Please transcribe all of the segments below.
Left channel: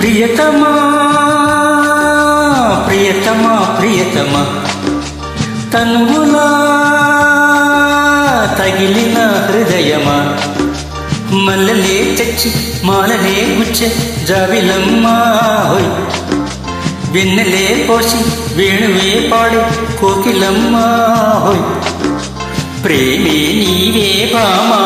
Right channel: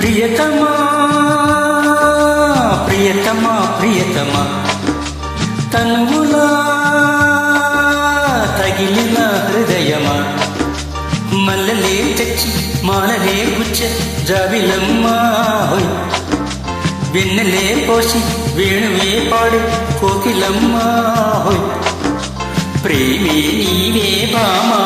ప్రియతమా ప్రియతమా ప్రియతమా తనువులా తగిలిన హృదయమా మల్లలే తెచ్చి మాలలే గుచ్చే జాబిలమ్మా హోయ్ వెన్నెలే పోసి వేణువే పాడే కోకిలమ్మా హోయ్ ప్రేమే నీవే భామా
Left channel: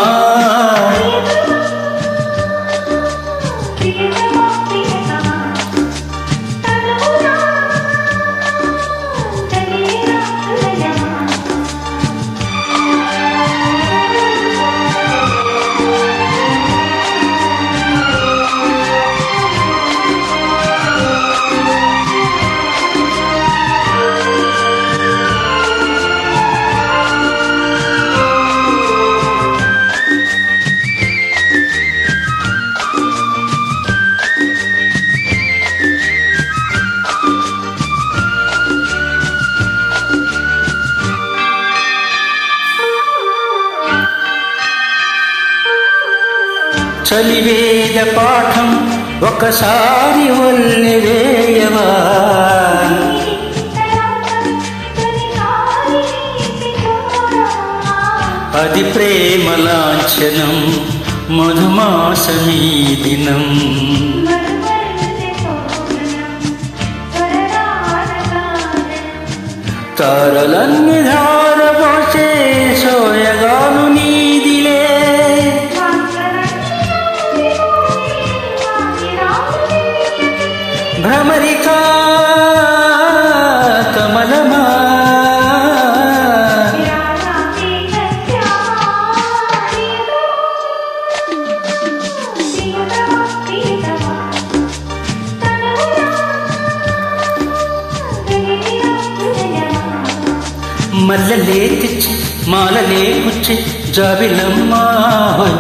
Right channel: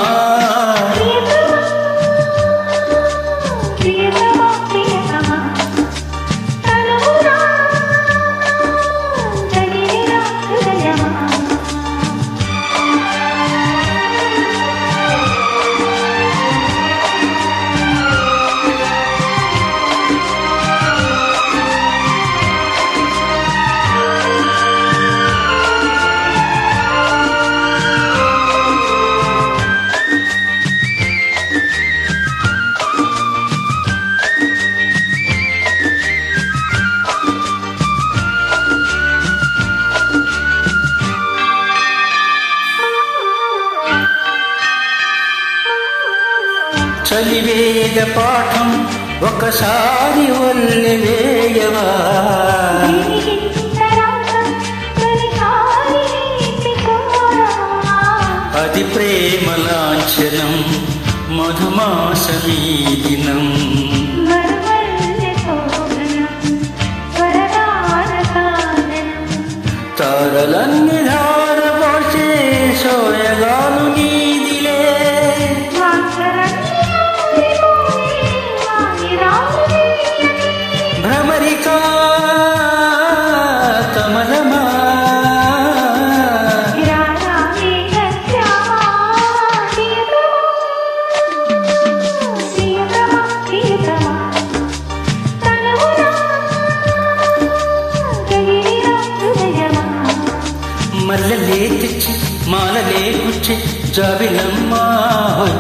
చలివేద పాఠం ఒకసారి వల్లెవేయవా అది ప్రేమ లాంఛనం మధుమాసమీ దినం తారలన్ని ధారపోసే సోయగాలు నీదిలే భ్రమరికా కమలమా మల్లలే తెచ్చి మాలలే గుచ్చే జాబిలమ్మా హోయ్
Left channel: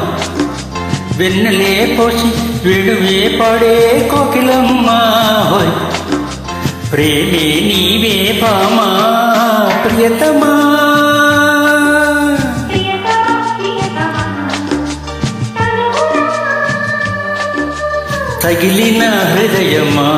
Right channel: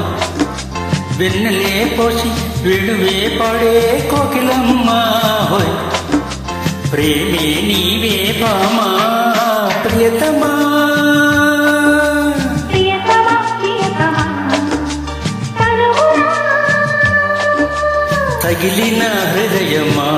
వెన్నెలే పోసి వేణువే పాడే కోకిలమ్మా హోయ్ ప్రేమే నీవే భామా ప్రియతమా తగిలిన హృదయమా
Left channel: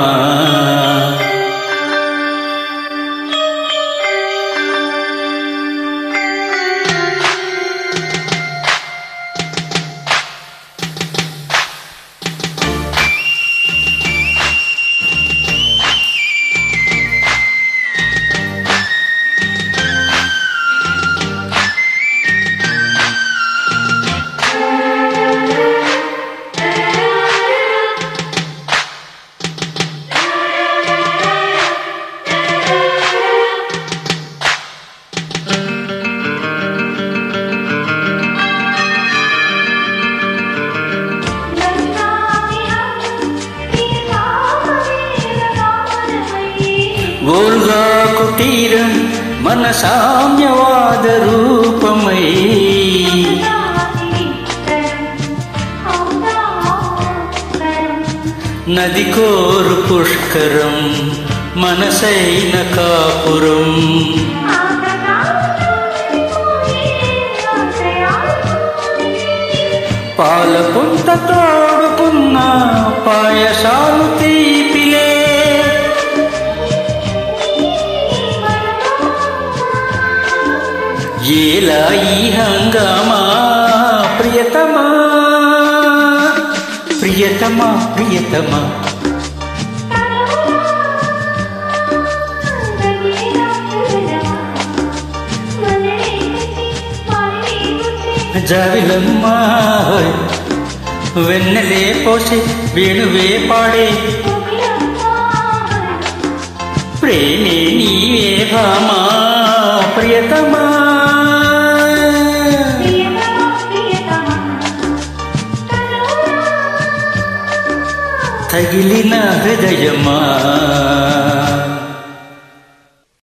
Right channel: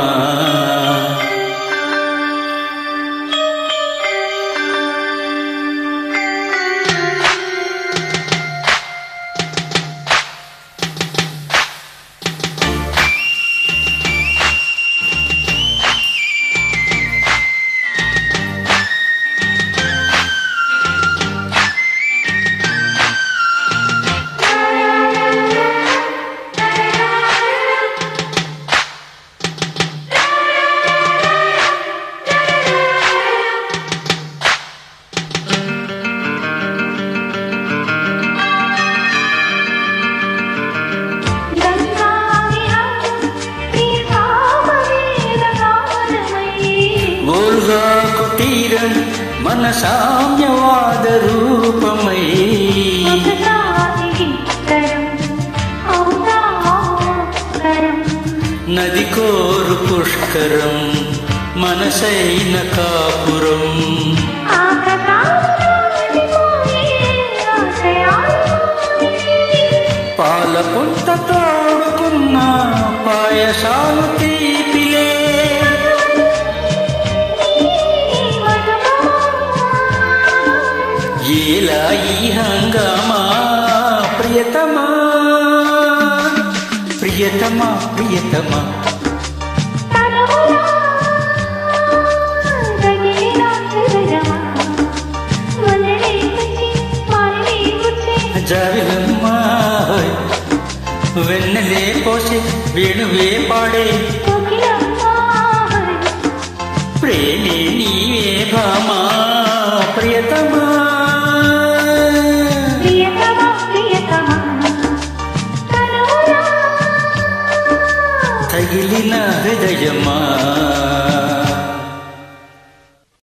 ఓల్గా కుటీరం మన సామ్యవాద రూపమై నది కోరు పుష్కరం మనసైన కాపురం పాల పుంత తోడుకున్న పాయసాలు తీపిలే ఏలా ఈ హంగామా ప్రియతమా ప్రియతమా ప్రియతమా జాబిలమ్మా హోయ్ వెన్నెలే పోసి వేణువే పాడే ప్రేమే నీవే భామా ప్రియతమా తగిలిన హృదయమా